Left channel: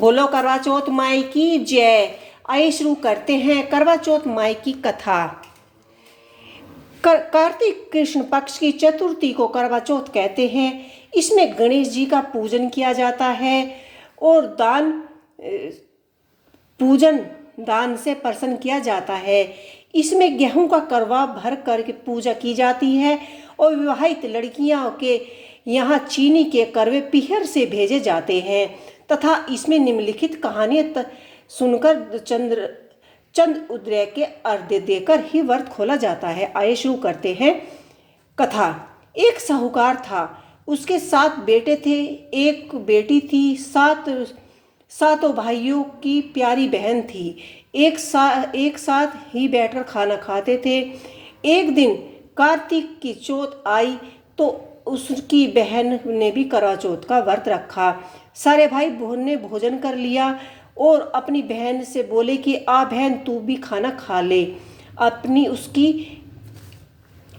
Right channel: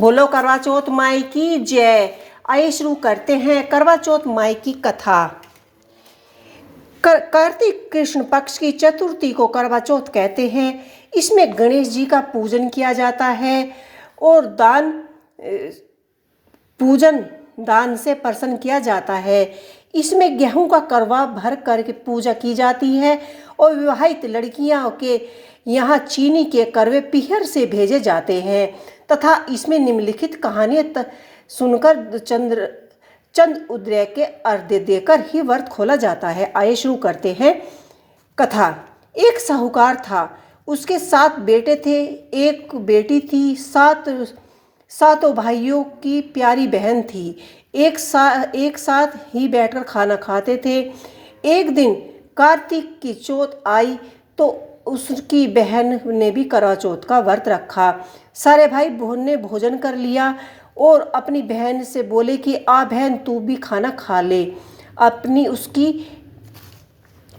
बोलो करवा चौथ माई की जय। आइए शुरू करते हैं करवा चौथ माई की कथा। कार्तिक कृष्ण पक्ष की चतुर्थी को करवा चौथ कहते हैं। इसमें गणेश जी का पूजन किया जाता है और दान से प्रसन्न किया जाता है। इसमें गेहूं का करवा भर करके पूजा की जाती है और विवाहित लड़कियों के यहाँ चीनी के करवे पीहर से भेजे जाते हैं तथा इसमें निम्नलिखित कहानियाँ सुनकर चंद उदय के अर्घ्य देकर ही व्रत खोला जाता है। आइए शुरू करते हैं कथा। एक साहूकार था, उसके 7 बेटे थे, एक बेटी थी, सातों भाइयों की प्यारी बहन थी। एक साथ ही बैठकर खाना खाते थे। एक दिन कार्तिक की चौथ आई तो उसकी बहन ने भी करवा चौथ का व्रत रखा। सारे भाई ने भोजन कर लिया और अपनी बहन से बोले कि आ बहन तू भी खाना खा ले।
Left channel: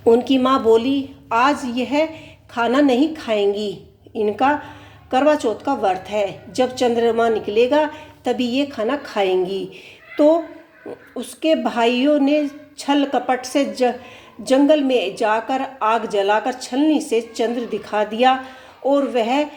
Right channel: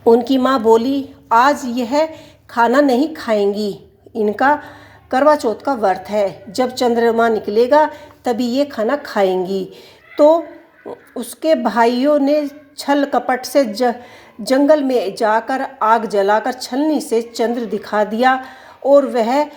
उनकी माँ बोली आज यह खाना नहीं खाएंगी, इनका करवा चौथ का व्रत है, जब चंद्रमा निकलेगा तभी ये खाना खाएंगी। तो उसके भाइयों ने छल कपट से जंगल में जाकर आग जलाकर छलनी से चंद्र दिखा दिया और वह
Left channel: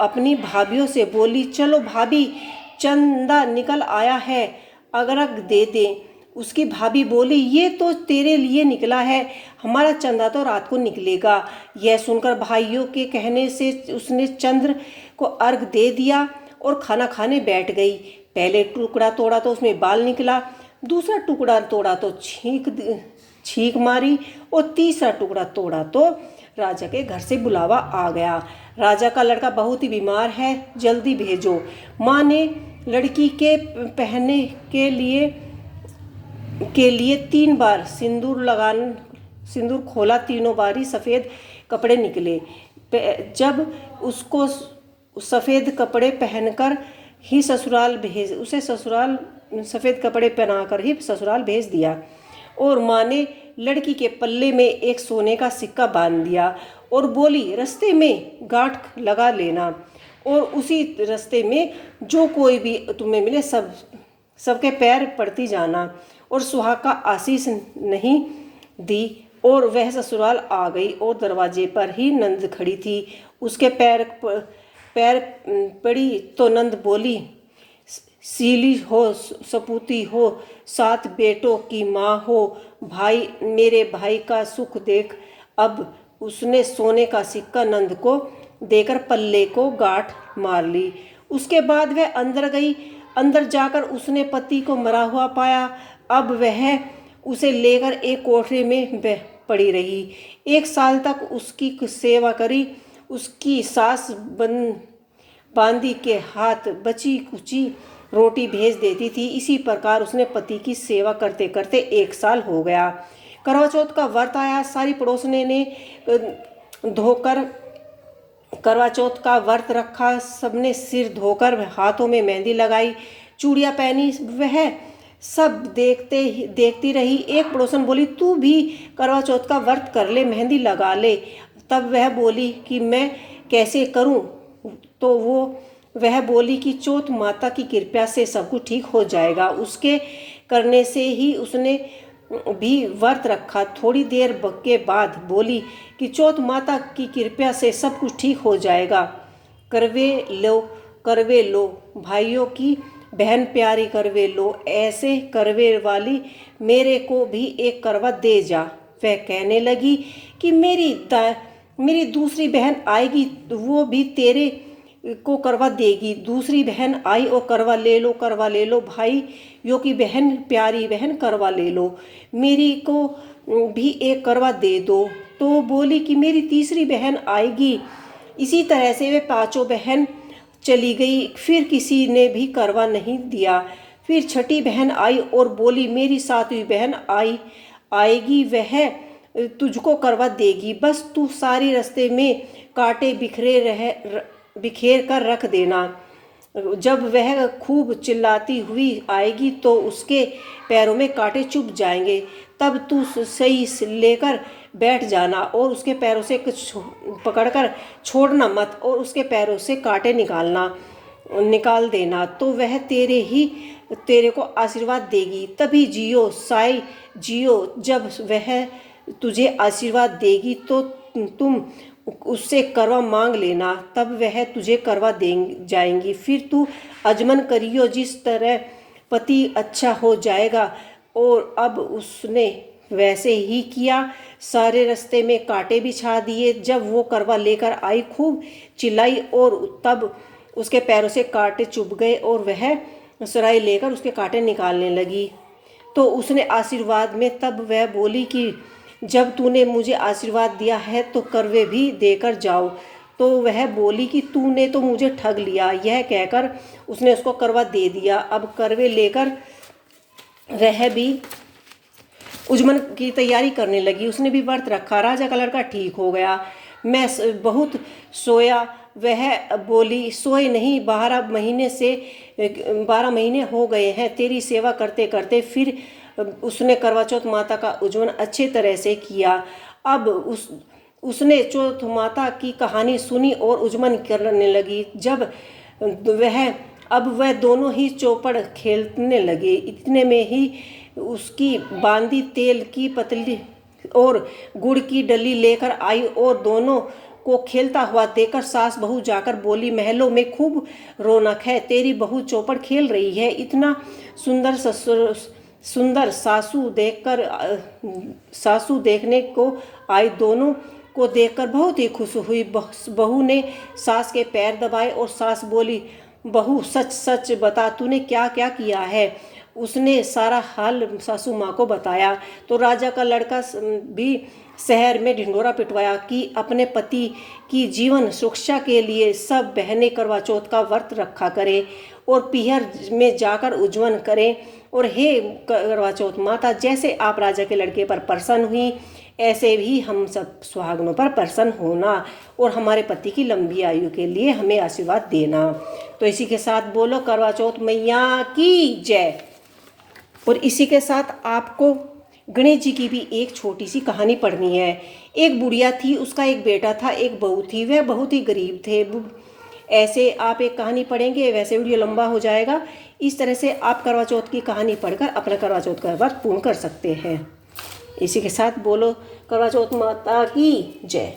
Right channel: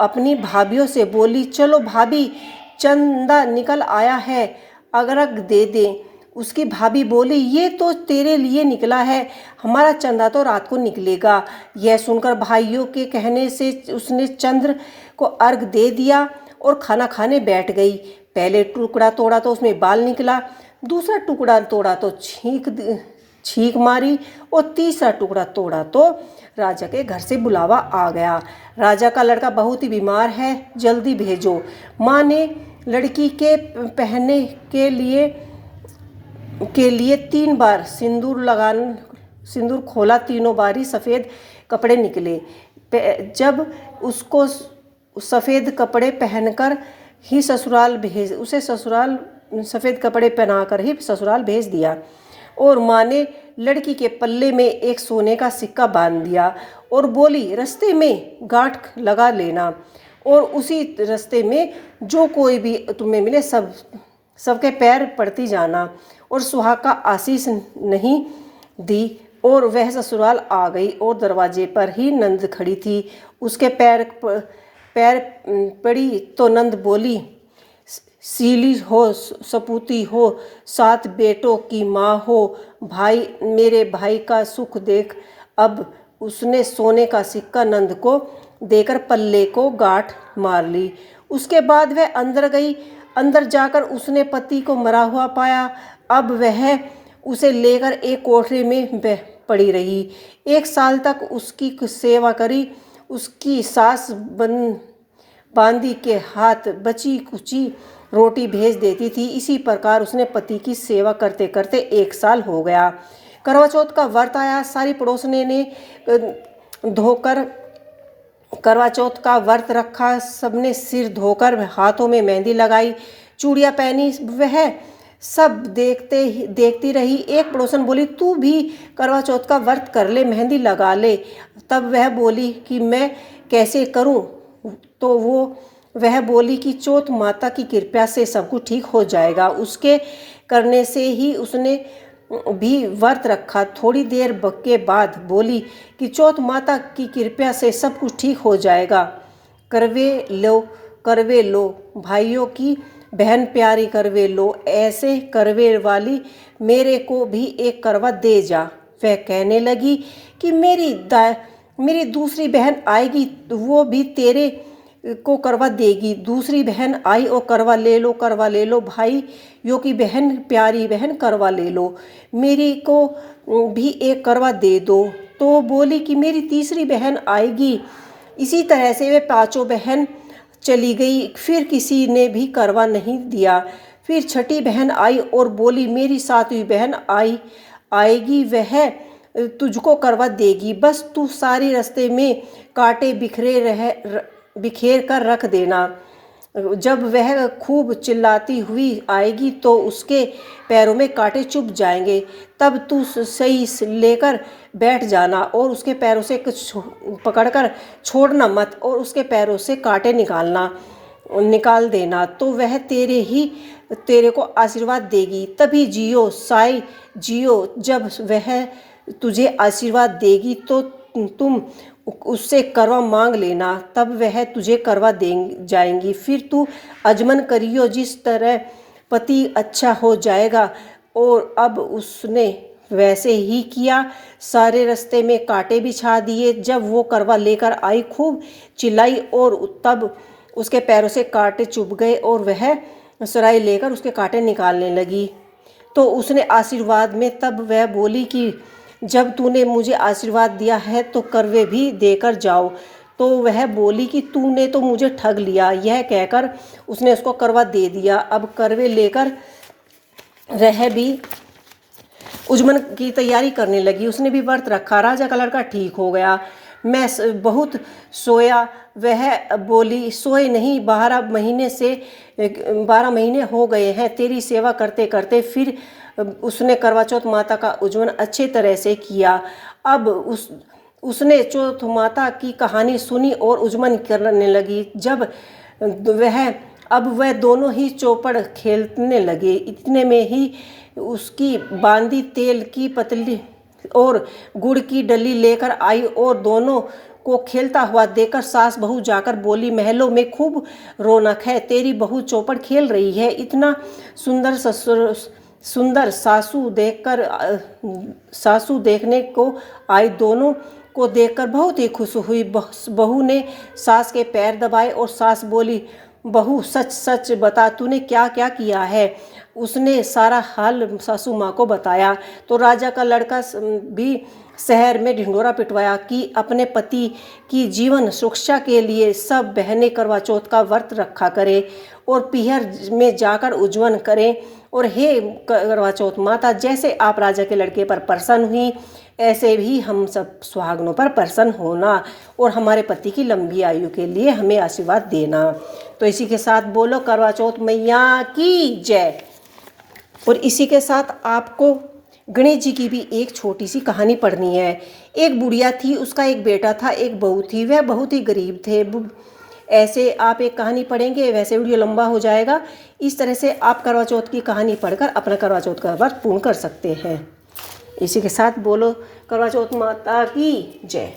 अपनी भाभियों से बोली चलो भाभी चंदा निकल आया है, अर्घ दे दें। उसकी भाभी बोली ये तो तेरे लिए निकला है, हमारा चंदा तो रात को निकलेगा। यह सुनकर भाइयों के कहने से उसने चंद्र को अर्घ दे दिया और खाना खाने बैठ गई। पहले टुकड़ा तोड़ा तो उसमें बाल निकला, दूसरा टुकड़ा तोड़ा तो छींक मारी और तीसरा टुकड़ा तोड़ा तो राजा के घर से बुलावा आ गया। राजा का लड़का बहुत ही बीमार है, जल्दी भेजो। माँ ने लड़की के पहनने के लिए 3 बार सिंदूर खोला, तीनों बारी सफ़ेद कपड़े निकले। जब उसको सफ़ेद कपड़े पहनकर ही सफ़ेद कपड़े पहनाकर ही ससुराल भेज दिया और माँ ने लड़की के पल्ले में एक सोने का सिक्का बांध दिया और बोली रास्ते में गांठ लगा लेना और उसी रास्ते में जो कोई भी तुम्हें मिले सबके पैर पड़ती जाना। और सुहाग का आशीष नहीं दी और वह ससुराल आ गई और दरवाजे पर ही नंद खड़ी थी। उसके पैर पड़ी तो नंद बोली सीली हो, सपूती हो, 7 बेटों की माँ हो, भाई मेरे भाई का सुख देख। अब उसने सोने का सिक्का नंद को देकर पल्ले को गांठ मार ली। उसके बाद वह अंदर गई। अंदर जाकर उसने पति को मरा हुआ पाया। अब वह उसे लेकर एक कोठरी में पड़ी रही। 1 साल तक उसकी सेवा करी। उसकी सास बांदी के हाथ बची कुची रोटी भेज देती थी। इसी प्रकार उसने पति की सेवा करते करते 1 साल हो गया। करवा चौथ का व्रत आया। सारी पड़ोसने ने धोकर करवा चौथ का व्रत रखा। सबने सिर धोकर हाथों में मेहंदी लगाई, चूड़ियाँ पहनी। वह सब देखती रही। एक पड़ोसन बोली तू भी करवा चौथ का व्रत कर ले, मेहंदी लगा ले। तब वह बोली कि मैं कैसे करूं? तो वह बोली कि चौथ माता की कृपा से सब कुछ ठीक हो जाएगा। उसके करने से ही उसने भी व्रत रखा। थोड़ी देर के बाद बोली कि चौथ माता की कृपा से सब कुछ ठीक हो जाएगा। करवे लो भाइयों की बहन प्यारी, करवे लो, ऐसे करवे वाली मेरे को भी एक करवा दे जा। वह कहने लगी कि मेरी दूसरी बहन आएगी, वो भी तेरे को करवा देगी। दूसरी बहन आई और करवा ले लो भाई यो की बहन प्यारी बहन, करवा ले लो, मेरी को भी एक करवा दे दो। तो बोली कि मेरी तीसरी बहन आएगी। इसी तरह से वे 5 बहन चली गई। फिर किसी ने भी करवा नहीं दिया। फिर छठी बहन आई और बोली मेरी 7वीं बहन आएगी, वह तुझको करवा देगी, बस तू सारी रास्ते में कांटे बिखेर कर रख देना। जब वह खूब चिल्लाती हुई आएगी तो उसके पैरों में कांटे चुभ जाएंगे, तब तू सही लेकर बैठ जाना और उसके पैरों से कुछ पकड़कर छोड़ना मत और उसके पैरों से कांटे निकालना। निकाल देना, तो वह तेरे को आशीर्वाद देगी। तभी जियो साई जियो, जब वह तुझे आशीर्वाद देगी तो तुम उससे करवा मांग लेना, तब वह तुझे करवा दे जाएंगी। फिर तू अजमन करियो, जिस तरह पति अच्छा हो जाएगा। और अब उसने वैसे ही किया। सारे रास्ते में कांटे बिछा दिए। जब वो करवा लेकर आई, खूब चिल्लाई और तब उसके पैरों से कांटे चुभ गए और वह सुराही लेकर उसके कांटे निकालने लगी। तो उसने आशीर्वाद में तब वह बोली कि जब तूने मुझे आशीर्वाद दिया है तो करवे भी देकर जाओ। तो वह बोली कि तूने तो मुझे ठग लिया। यह कहकर उसने उसको करवा दे दिया। अब करवे लेकर वह भी उजमन की तैयारी करने लगी। उसने भी व्रत रखा। राजा का लड़का ठीक हो गया। मैं बहुत सोया। वह बोली सोए नहीं, 12 महीने हो गए हैं तेरी सेवा करते करते। फिर उसने करवा चौथ माता का उज्जवल अच्छे तरह से किया। अब उसने चौथ माता की कहानी सुनी और उज्जवल करने लगी। अब वह दोनों ही चौपड़ खेलने लगे। इतने में ही उसकी बांदी तेल की पतली और गुड़ की डली लेकर आई और दोनों को खेलता हुआ देखकर सास बहू जाकर बोली, महलों में खूब रौनक है, तेरी बहू चौपड़ खेल रही है। इतना सुंदर सासू देखने को आई। दोनों को देखकर बहुत ही खुश हुई। बहू ने सास के पैर दबाए और सास बोली, बहू सच सच बता, तूने क्या क्या किया है। उसने सारा हाल सासू माँ को बताया। तो राजा का लड़का भी शहर में ढिंढोरा पिटवाया कि अपने पति की जीवन सुरक्षा के लिए सब बहनें करवा चौथ का व्रत रखा करें और पीहर में जाकर उज्जवल करें। और हे करवा चौथ माता, जैसे आप राजा के लड़के पर प्रसन्न हुई, ऐसे भी हम सब सुहागनों पर प्रसन्न होना और हमारे पति की लंबी आयु के लिए हमें आशीर्वाद देना। तो इसी के साथ बोलो करवा चौथ मैया की जय। और इसी के साथ आपको गणेश जी की भी एक छोटी सी कहानी पढ़नी है। एक बुढ़िया थी, उसका एक बेटा था, एक बहू थी। वह बहुत ही गरीब थे। ऐसे आप एक कहानी पढ़ेंगे, वैसे वीडियो लंबा हो जाएगा। इस तरह से आप करवा चौथ की कहानी पढ़कर अपना करवा चौथ का व्रत पूर्ण कर सकते हैं। इसी के साथ बोलो करवा चौथ माता की जय।